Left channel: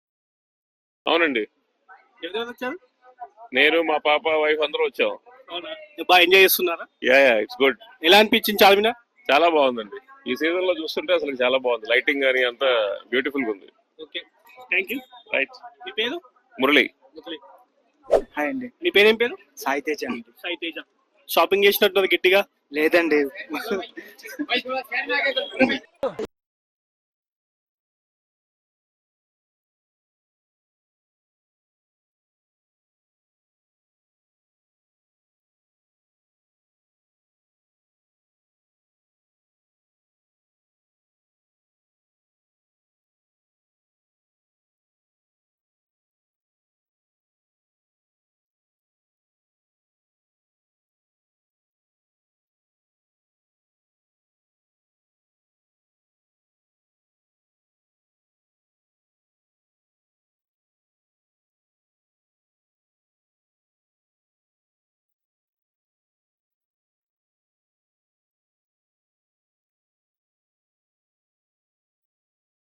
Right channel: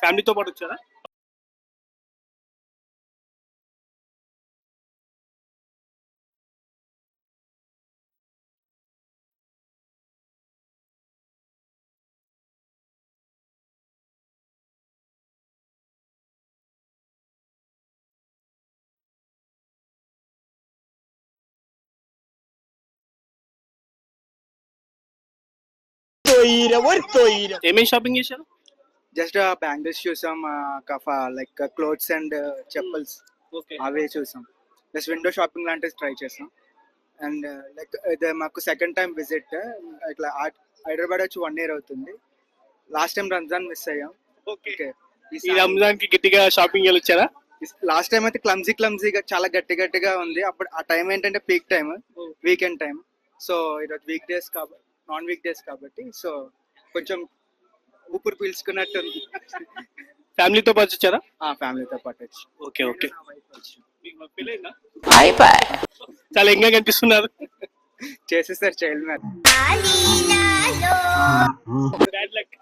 ఫ్యామిలీతో పాటు వచ్చారా? అవునండి, ఎవరెవరు వచ్చారు? నేను మా పాప వైఫ్ అందరూ వచ్చాం. అవునా? బాగా ఎంజాయ్ చేస్తున్నారా? Yeah it's good. ఎలా అనిపించింది చార్మినార్? చాలా బాగుందండి. ఈ సీజన్ లో చూస్తుంటే అసలు చాలా బాగుంది. లైటింగ్ కానీ అంతా బ్యూటిఫుల్ గా ఉంది. Okay, thank you. రైట్. మీ పేరు? మురళి. హాయ్ అండి, మీ పేరేం పేరు? సాయి తేజ అండి. సాయి తేజ. షాపింగ్ చేసినట్టు గట్టిగా? లేదండి, ఏమేమి షాపింగ్ చేశారు? జస్ట్ బ్యాంగిల్స్ చూసాం, like clothes and chappals okay. అవే చూసాం. జస్ట్ విండో షాపింగ్ లాంటివి ట్రై చేసాం. అండ్ లైక్ ఇది మాకు సెకండ్ టైం విజిట్. ఇట్లా హైదరాబాద్ వచ్చి 1 year అవుతుంది. లాస్ట్ టైం రంజాన్ మిస్ అయ్యాం. ఓకే. ఈ రంజాన్ కి గట్టిగా షాపింగ్ చేయాలి వచ్చారా? లాస్ట్ టైం అయితే క్లమ్జీగా చాలా గట్టిగా ఉంది. అప్పుడు ఆ టైం ఏంటంటే peak time, weekend time. So ఈరోజు వీక్ డేస్ కాబట్టి, నాన్ వీక్ డేస్ కాబట్టి, సో కొంచెం ఊపిరి పీల్చుకున్నట్టు ఉంది. ఫ్యామిలీతో పాటు వచ్చారా? ఫ్యామిలీతో పాటు వచ్చి. Okay okay. చాలా ఎంగా కనిపిస్తున్నారు. చేసేసారు చైల్డ్ మ్యారేజ్. Bad luck.